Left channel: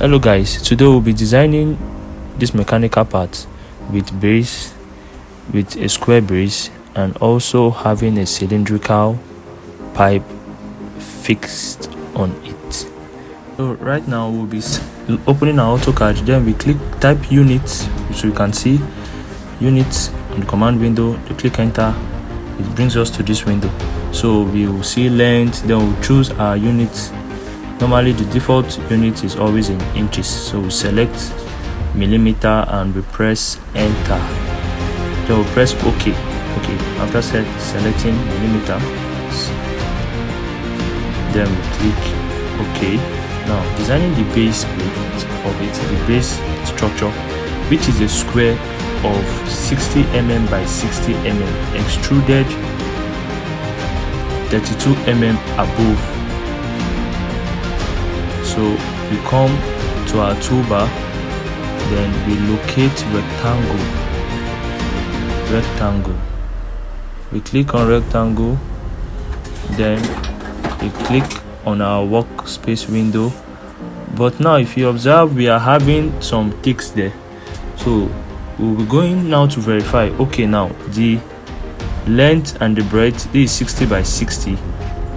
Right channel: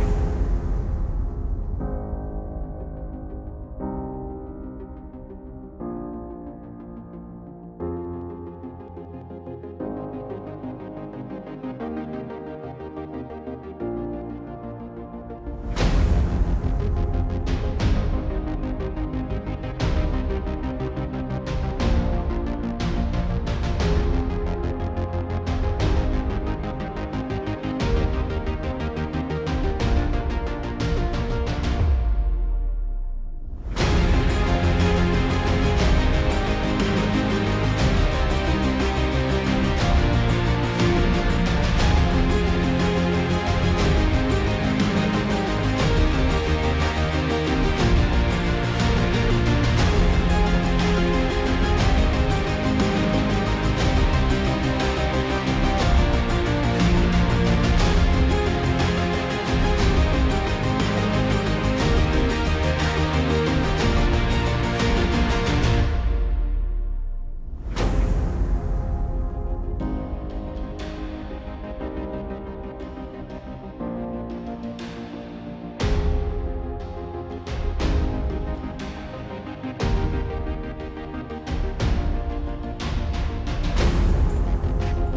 Hello guys, today we'll be designing this mechanical part with base, with a square base, and also having a cylindrical pipe fixed on it. So right now we'll be opening our AutoCAD, then we type units, so you can see units in the command window. You click enter, it brings us to this window. So we will see length, then we'll choose our units. Normally the default unit is always in inches, so we select millimeter and we press enter. Then we'll press OK. After selecting millimeter, then we click OK. Now designing the base plate of it, the base structure, which is a square of 60 mm by 60 mm, extruded 32 mm above. So we come to our toolbar, then we locate rectangle. We click on rectangle, then we click on our workspace window. But now if you observe, we are having some ticks there. So we'll be going now to verify. Okay, now the length and the breadth is 60 by 60.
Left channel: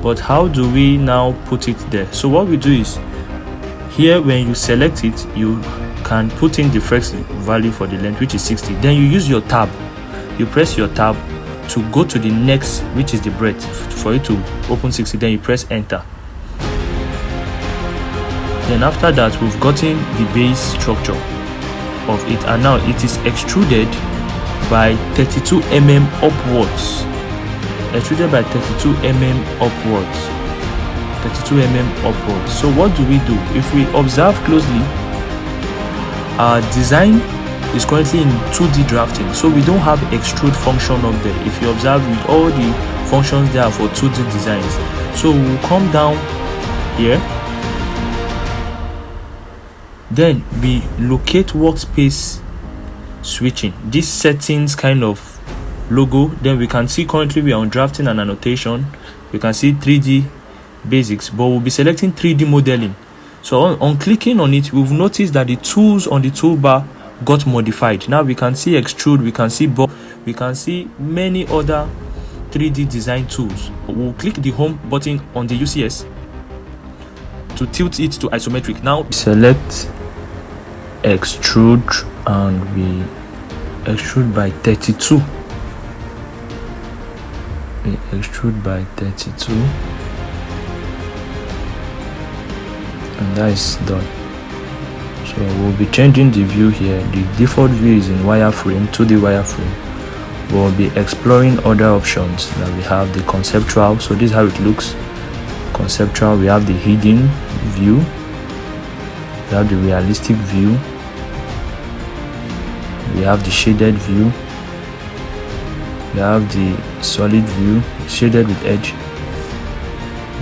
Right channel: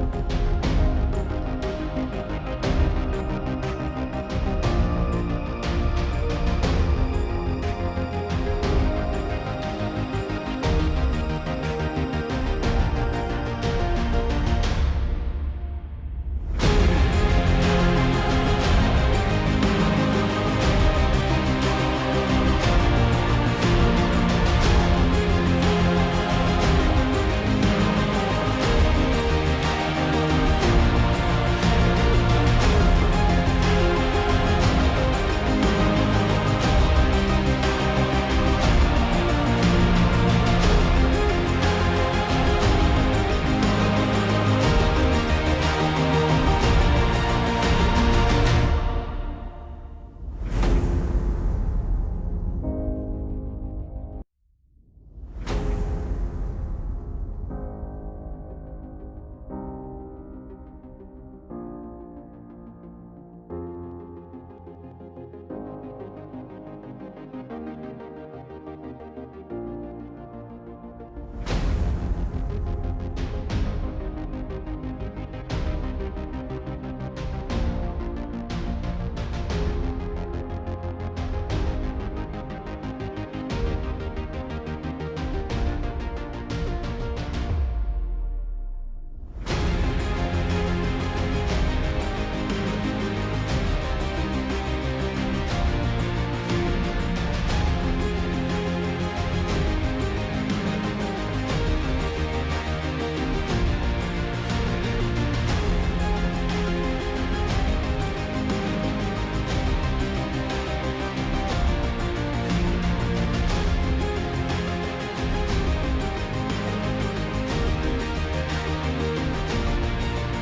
But how do we now put it there? So what we do is, here when you select it, you can put in the first value for the length, which is 60. Then you use your tab. You press your tab to go to the next, which is the breadth, for it to open 60. Then you press enter. Then after that, we've gotten the base structure of it, and now it is extruded by 32 mm upwards. Extruded by 32 mm upwards. 32 mm upwards. So what do? If we observe closely, our design is currently in 2D drafting, so we don't have extrude function up there. If you observe, with all the functions there for 2D designs, so we'll come down here, then we locate workspace switching, this settings kind of logo. Then we can see currently we are on drafting and annotation. You can see 3D basics, but we'll be selecting 3D modeling. So on clicking on it, we've noticed that the tools on the toolbar got modified. Now we can see extrude, we can see box, we can see many other 3D design tools. We'll click the home button on the UCS to tilt it to isometric. Now select extrude and we extrude by 32. We extrude by 32. That is done. So we'll be changing the view here. The default view is in wireframe, 2D wireframe. We'll be exploring other options. Now we have the conceptual. So this is how it looks. Conceptual. We have the hidden view. We have the realistic view. We have the shaded view. We have the solid view, shaded with edge.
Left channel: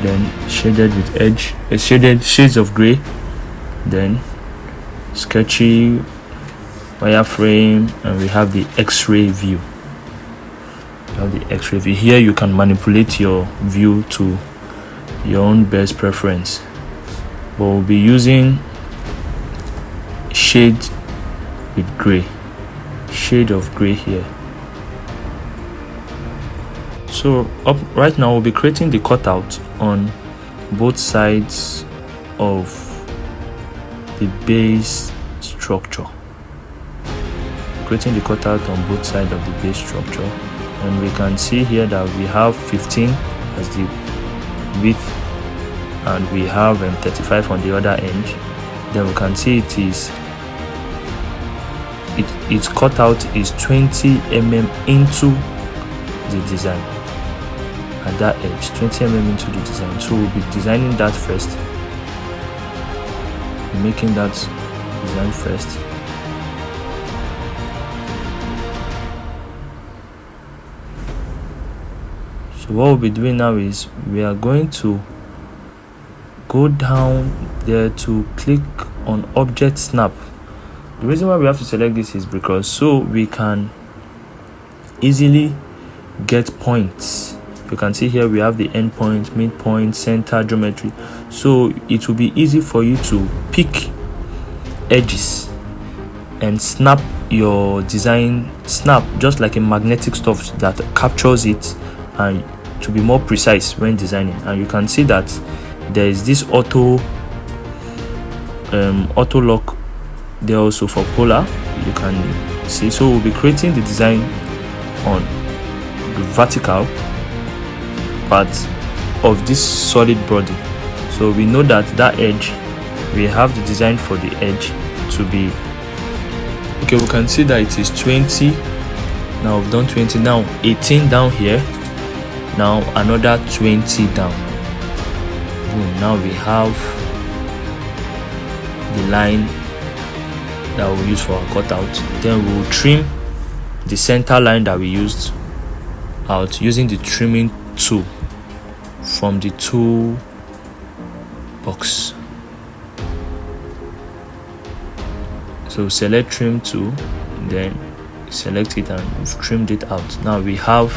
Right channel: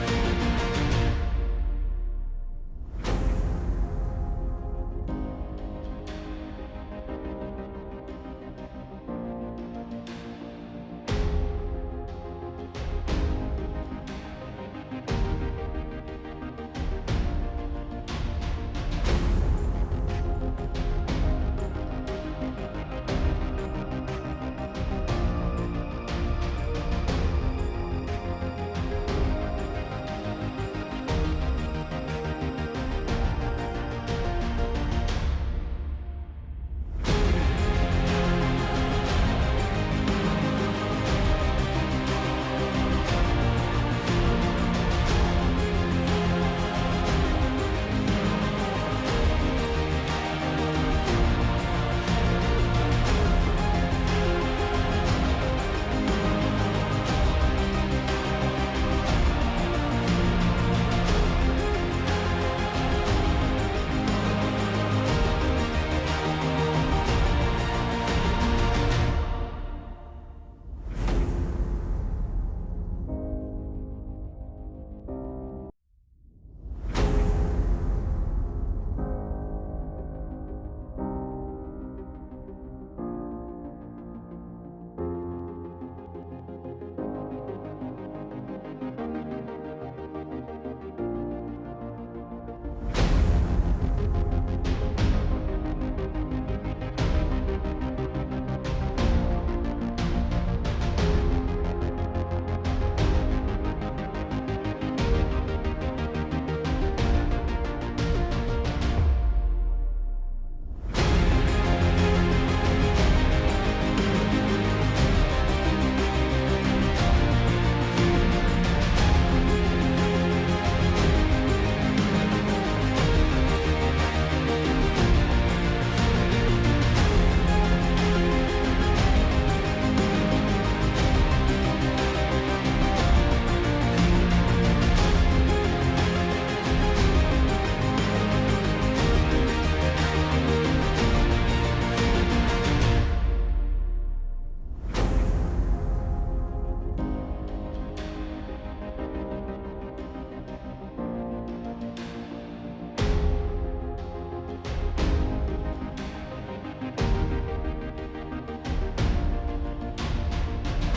Then shaded with edge, shaded shades of gray, then sketchy, wireframe, and we have the X-ray view. Here you can manipulate your view to your own best preference, but we'll be using shade with gray, shade of gray here. So right now we'll be creating the cutout on both sides of the base structure. Creating the cutout on both sides of the base structure, and we can see here that we have 15 as the width, and we have 35 on the other end. Then we can see its cutout is 20 mm into the design. At that edge, 20 mm into the design. So we'll be designing that first. Making that design first. So what we'll be doing now is we are going to go down there to click on object snap. The reason why we have to select this is because so we can easily get points. You can see here we have the endpoint, midpoint, center, geometry. So it will be easy for you to pick edges and snap your design, snap just like a magnetic stuff that captures it and to be more precise when designing. And you can see that there is this auto lock there also for polar, you can see. So we'll be creating the design on the vertical part of this solid body. So we know that edge, we have the design for the edge to be okay. We can see that it is 20. Now we've done 20. Now 18 down here. Now another 20 down. Now we have the line that we'll use for our cutout. Then we'll trim the center line that we used out using the trimming tool from the tool box. So select trim tool, then select it, and we've trimmed it out. Now we have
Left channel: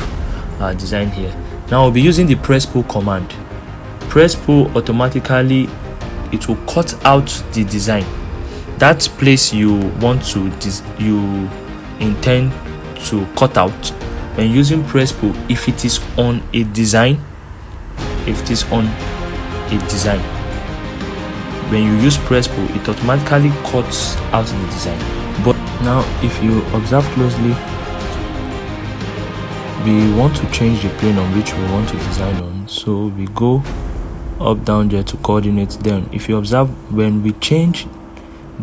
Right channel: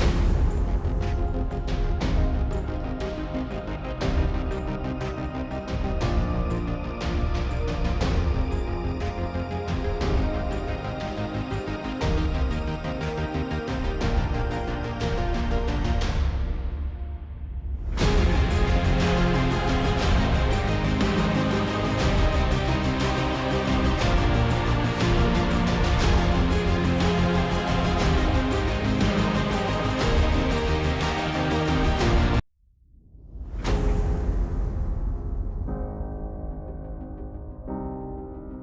our design here. Now we'll be using the press pull command. Press pull automatically, it will cut out the design. That place you want to you intend to cut out, and using press pull, if it is on a design, when you use press pull, it automatically cuts out the design. But now if you observe closely, we want to change the plane on which we want to design on. So we go up down there to coordinates. Then if you observe, when we change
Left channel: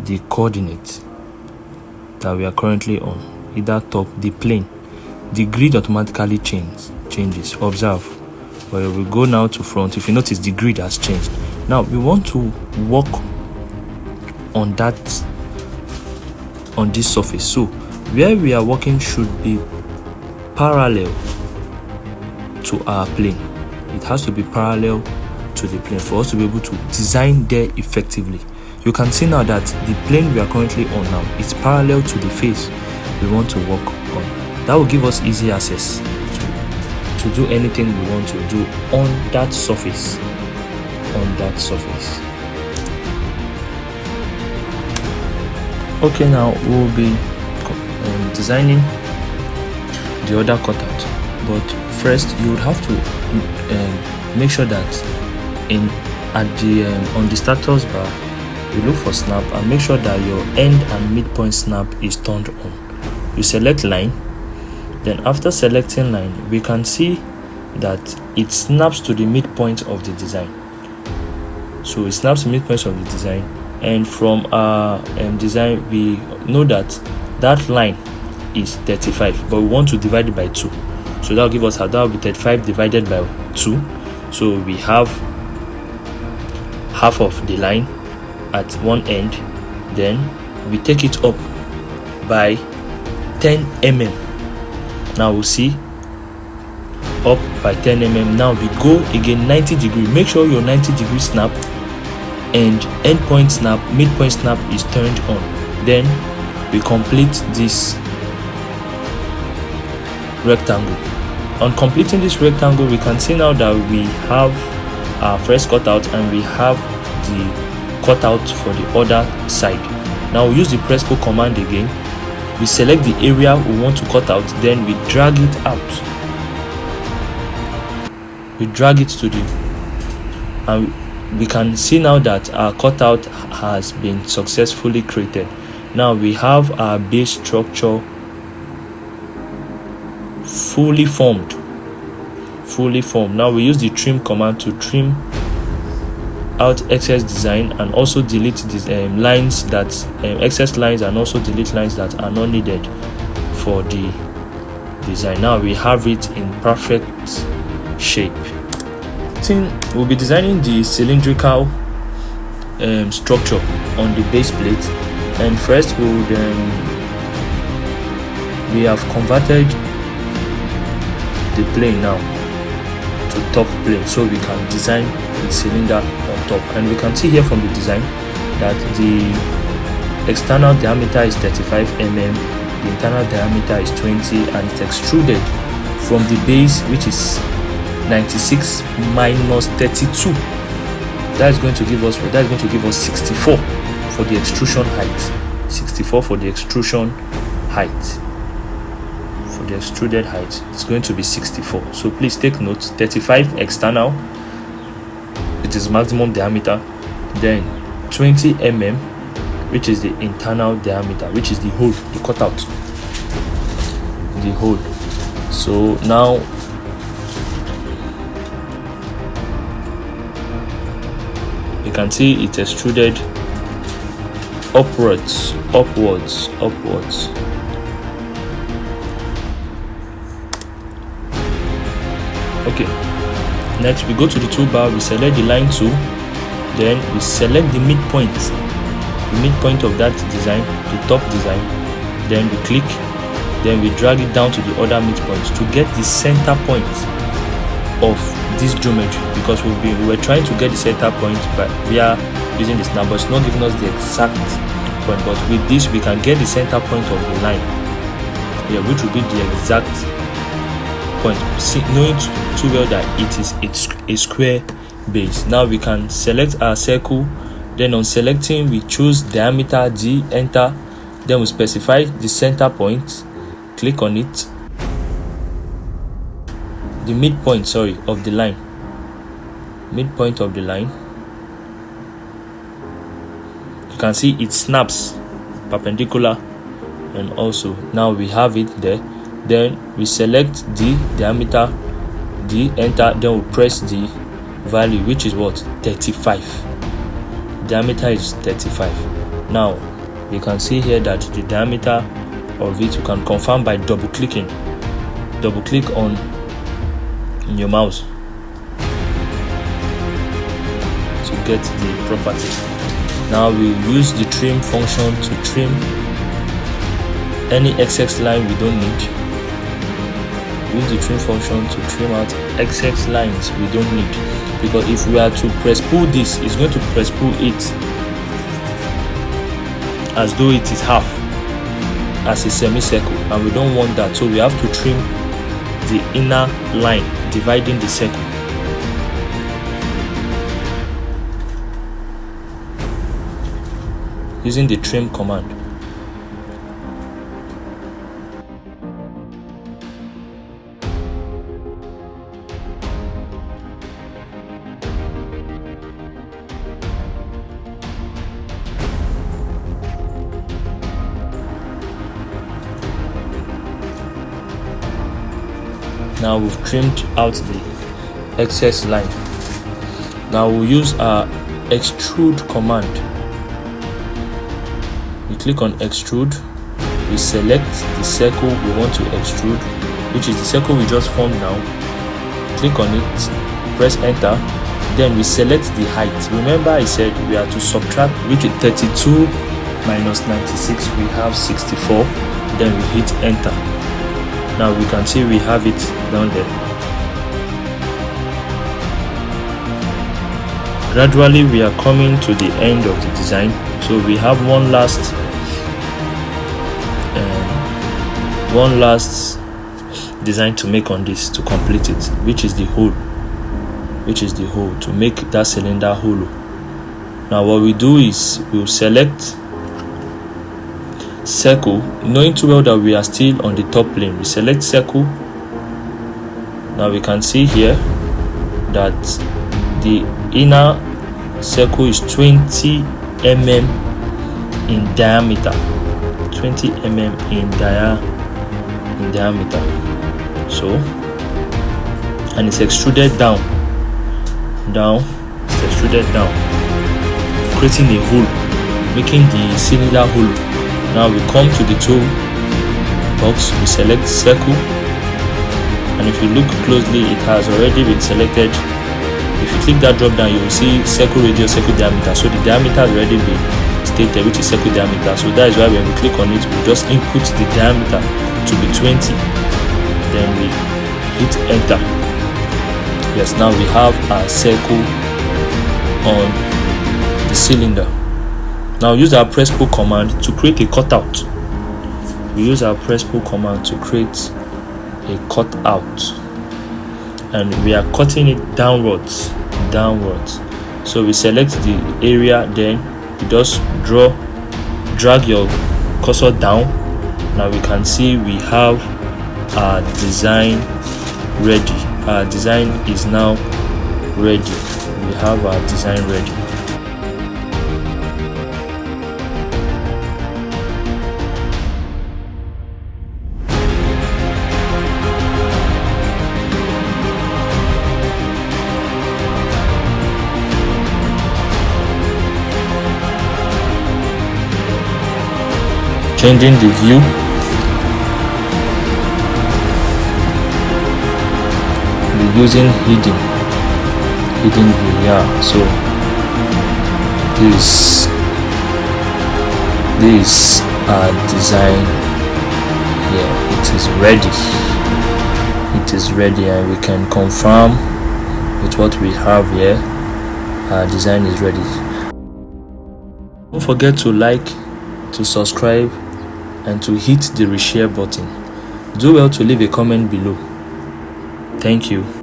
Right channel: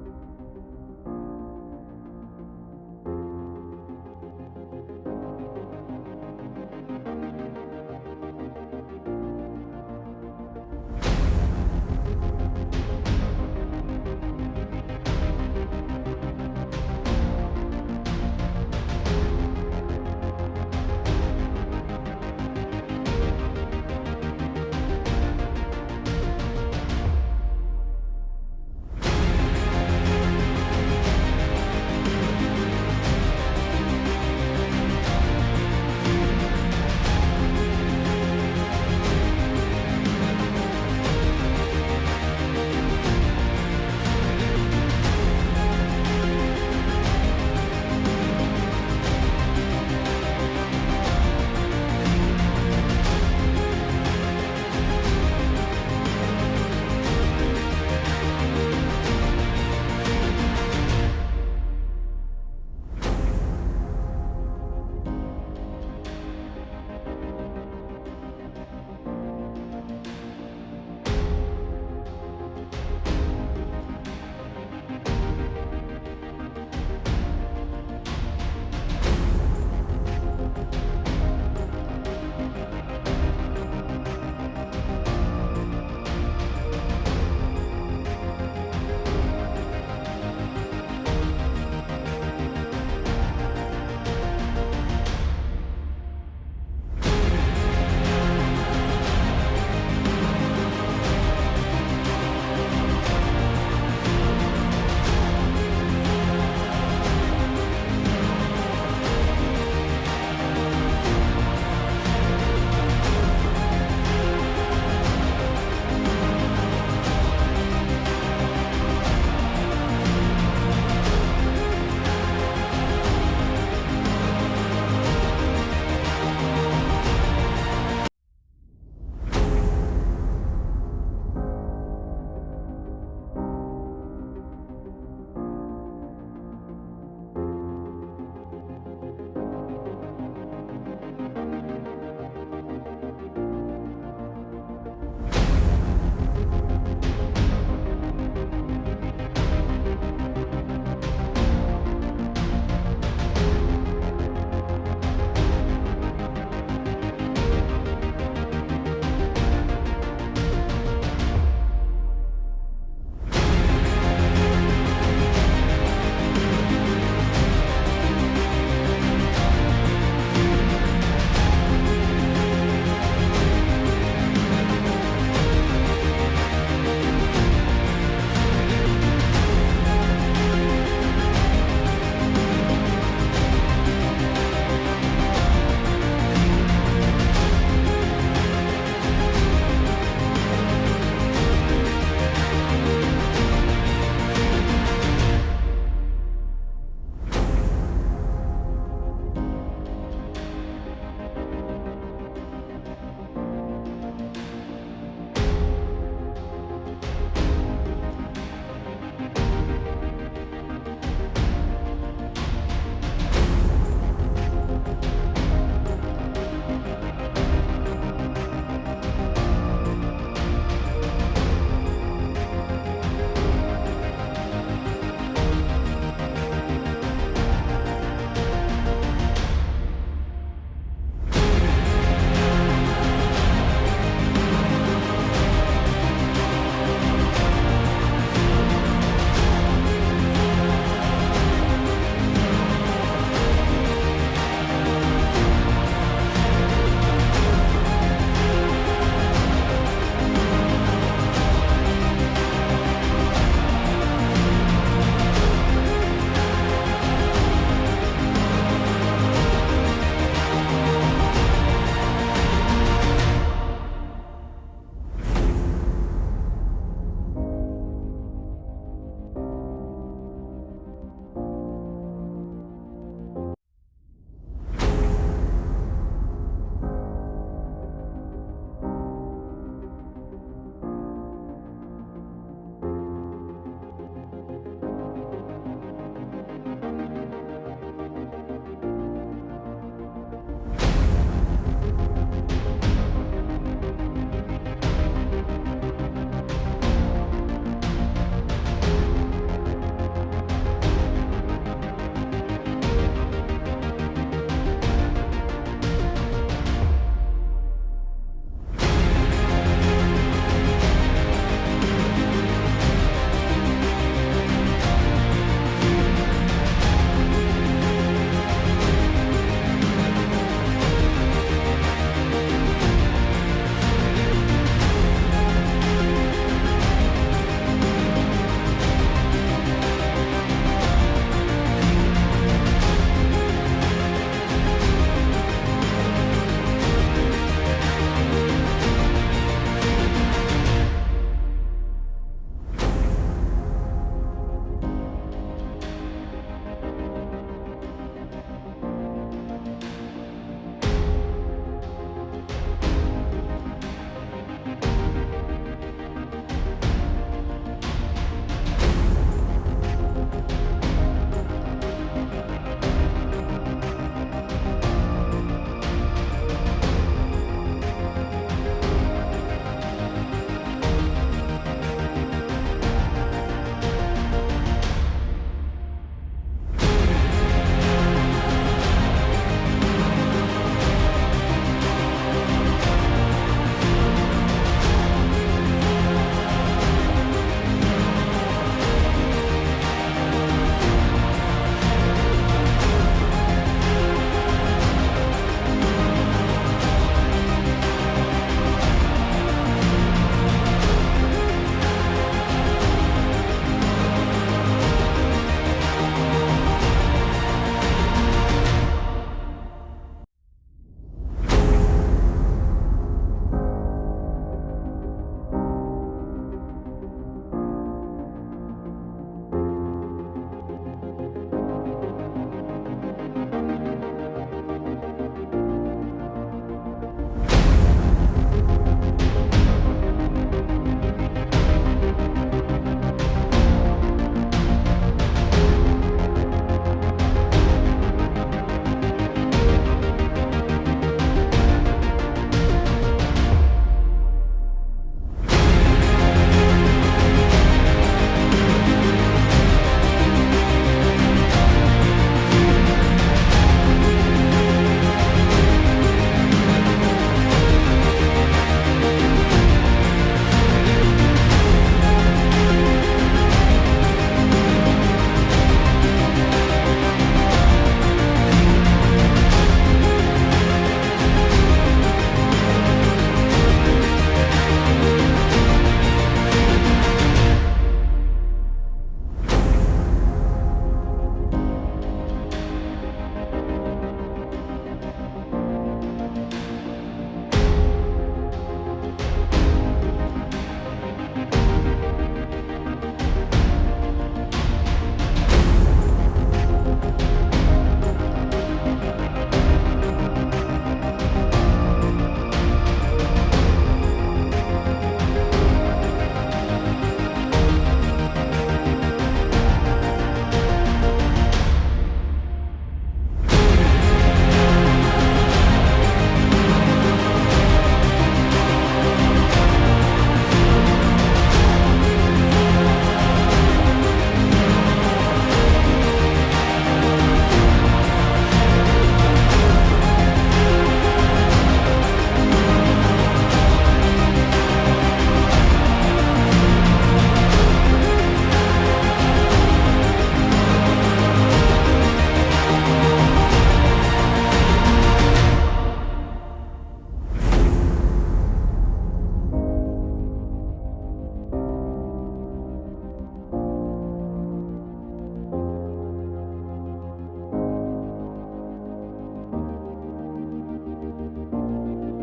the coordinates that we are currently on, either top, the plane, the grid automatically changes. Observe. Well, we go now to front. If you notice, the grid has changed. Now we want to work on this surface. So where we are working should be parallel to our plane. It has to be parallel to the plane for us to be able to design there effectively. You can see now that the plane we are currently on now is parallel to the face we want to work on. That will give us easy access to do anything we want to do on that surface. Okay, now we'll be designing the other cutout, but first you would have to make sure that on the status bar you look for snap and make sure that your end and midpoint snap is turned on. You select line. Then after selecting line, we can see that it snaps to the midpoint of the design. So it snaps the midpoint of the design, and from our design we know that line is 35, but we want to divide it by 2. So that will give us that will be 35 divided by 2. So we have half of the line at one end, then we take it up by 10 mm. Now we'll see up by 10 mm. Now we go again 90 degree. Make sure your 90 degree snap and endpoint snap, midpoint snap is turned on. Then we complete this rectangle. On completing this rectangle, we can see now that we have our first cutout and we have the cutout for the other side. Now we use the press pull command again. We select the area we want to cut out, then we drag it out. We drag it to and we can see now that our cutout has been successfully created. Now we have our base structure fully formed. Now we use the trim command to trim out excess design and also delete these lines that excess lines, and also delete lines that are not needed for the design. Now we have it in perfect shape. We'll be designing the cylindrical structure on the base plate, and first we have converted the plane now to top plane so we can design the cylinder on top. And we can see here from the design that the external diameter is 35 mm, the internal diameter is 20, and it's extruded from the base, which is 96 minus 32. That is going to give us 64. for the extrusion height. 64 for the extrusion height. For the extruded height, it's going to be 64. So please take note. 35 external, it is maximum diameter. Then 20 mm, which is the internal diameter, which is the hole, the cutout, the hole. So now you can see it extruded upwards. Okay, next we go to the toolbar, we select the line tool, then we select the midpoint of that design, the top design, then we click, then we drag it down to the other midpoints to get the center point of this geometry, because we were trying to get the center point via using this number. It's not giving us the exact point, but with this we can get the center point of the line, which will be the exact point, knowing too well that it's a square base. Now we can select our circle, then on selecting we choose diameter D, enter, then we specify the center point, click on it, the midpoint of the line, midpoint of the line. You can see it snaps perpendicular, and also now we have it there. Then we select the diameter D, enter, then we press the value, which is what, 35. Diameter is 35. Now you can see here that the diameter of it you can confirm by double click on your mouse to get the property. Now we'll use the trim function to trim any excess line we don't need. Use the trim function to trim out excess lines we don't need, because if we are to press pull this, it's going to press pull it as though it is half, as a semicircle, and we don't want that. So we have to trim the inner line dividing the circle. Using the trim command. Now we've trimmed out the excess line. Now we'll use our extrude command. We click on extrude, we select the circle we want to extrude, which is the circle we just formed now. Click on it, press enter, then we select the height. Remember I said we are to subtract, which is 32 minus 96, we have 64, then we hit enter. Now we can see we have it down there. Gradually we are coming to the end of the design, so we have one last design to make on this to complete it, which is the hole, to make that cylinder hollow. Now what we do is we'll select circle, knowing too well that we are still on the top plane. We select circle. Now we can see here that the inner circle is 20 mm in diameter, 20 mm in diameter. So, and it's extruded down, creating a hole, making the cylinder hollow. Now we come to the tool box, we select circle, and if you look closely, it has already been selected. If you click that drop down, you will see circle radius, circle diameter. So the diameter has already been stated, which is circle diameter. So that is why when we click on it, we just input the diameter to be 20, then we hit enter. Yes, now we have our circle on the cylinder. Now use our Presspull command to create a cutout. We use our Presspull command to create a cutout, and we are cutting it downwards. So we select the area, then just drag your cursor down. Now we can see we have our design ready. Our design is now ready. We have our design ready. Changing the view. We're using hidden, yeah. So this design here, it is ready, and we can confirm with what we have here. Our design is ready. Don't forget to like, to subscribe, and to hit the reshare button. Do well to leave a comment below. Thank you.